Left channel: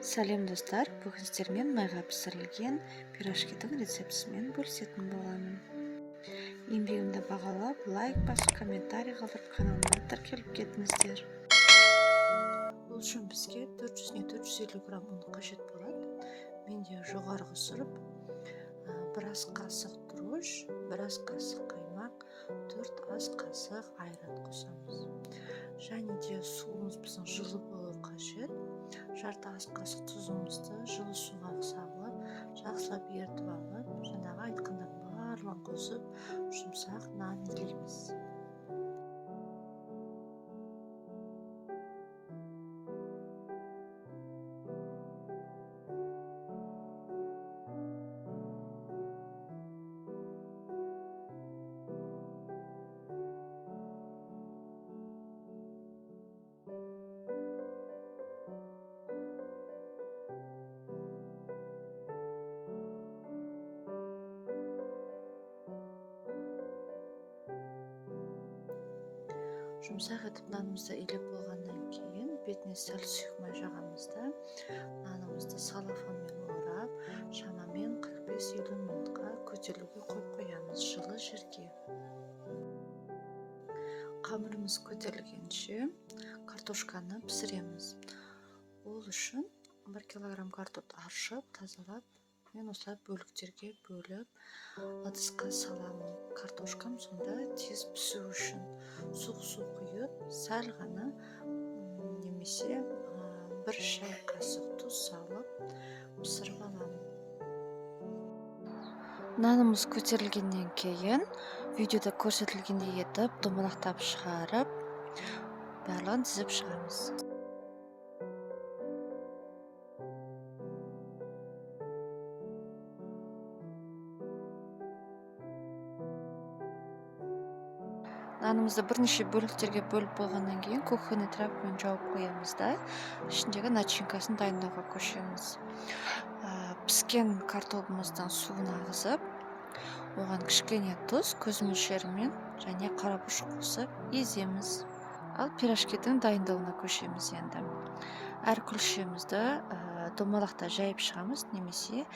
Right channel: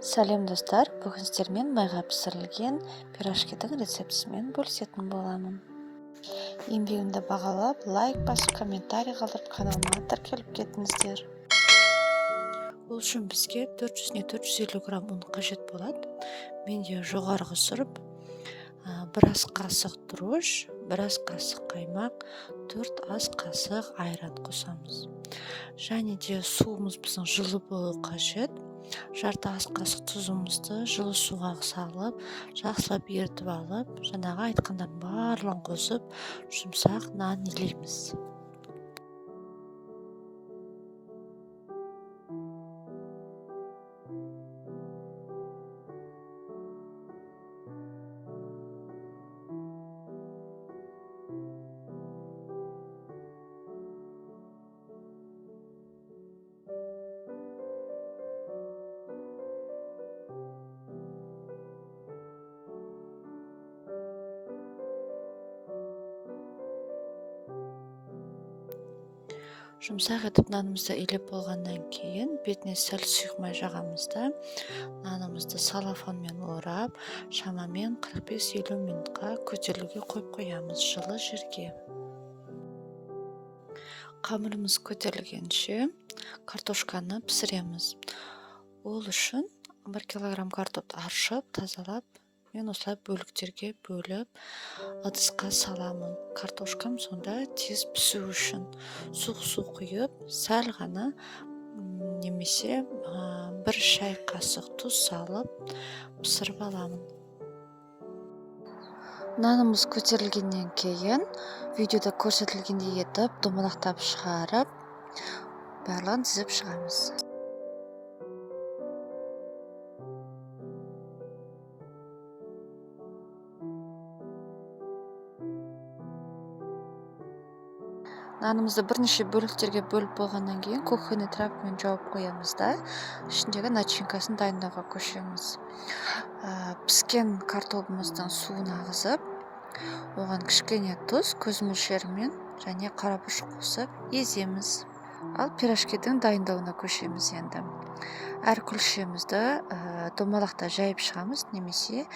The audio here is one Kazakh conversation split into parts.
Сәлем достар, бүгін сіздермен майға пісірілген пирожкидің рецептісімен бөлісетін боламын. Еңбегімді бағалап, лайк басып, комментарий қалдырып, каналыма тіркеліп кетіңіздер. Ол үшін бізге 400-450 грамм ұн қажет болады. Менде жоғарғы сұрып, бір ас қасық тұрыш, бір ас қасық қаймақ, 4 ас қасық айран қосамыз. Және де суымыз біздің жылы болу қажет. Жарты ас қасық тұзымызды жылы суға салып, жақсылап ерітіп алып, жаңағы айтқандардың барлығын қосып, жұмсақ нан илейміз. Жұмсақ етіп нанымызды илеп болғаннан кейін бетіне сәл сұйық жағамыз да нанымызды салафанмен орап, шамамен 45-50 минутқа көтерілуге қойып қоямыз жылы жерге. Қамырымыз көтерілгенше картошканы пісіреміз. Ол үшін 1 килограмм картопты аршып, тазалап, мен осылай бөліктерге бөліп, ыдысқа саламын. Картошкам сонда тез пісу үшін су құйып, сәл ғана немесе 1 шай қасық тұз салып пісіріп аламын. Нанымыз көтерілгеннен кейін видеода көрсетілгендей етіп домалақтап шығарып, барлығын тізіп шығамыз. Нанымызды бірнеше бөліктерге бөліп болғаннан кейін кухонный тряпкамен жауып қоямыз да, ішіндегі начинкасын дайындауға көшеміз. Піскен картопымыздың суын ағызып, оған кішкене тұз, көз мөлшерімен және қарабұрыш қосып еземіз. Ал пирожкидің дайындауына көшеміз енді. Әр күлшемізді домалақта жайып шығамыз, немесе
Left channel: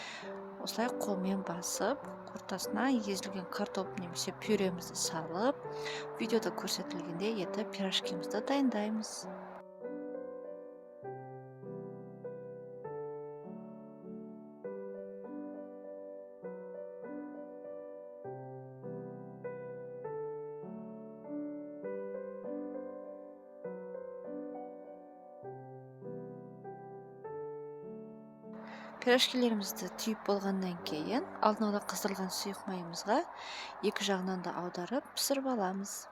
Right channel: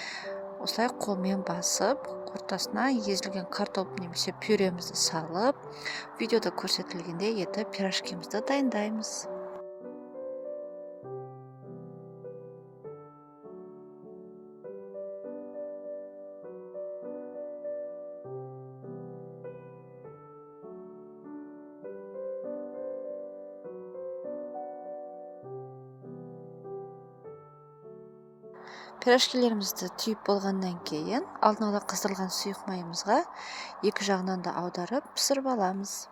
осылай қолмен басып, ортасына езілген картоп немесе пюремізді салып, видеода көрсетілгендей етіп пирожкимізді дайындаймыз. Пирожкилерімізді түйіп болғаннан кейін алдын ала қыздырылған сұйық майымызға екі жағынан да аударып пісіріп аламыз.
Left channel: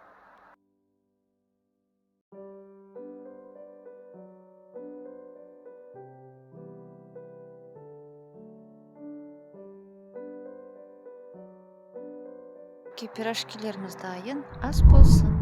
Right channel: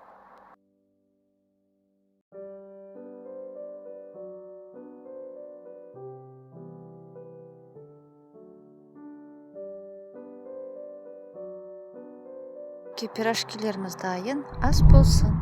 Пирожкилеріміз дайын, ас болсын.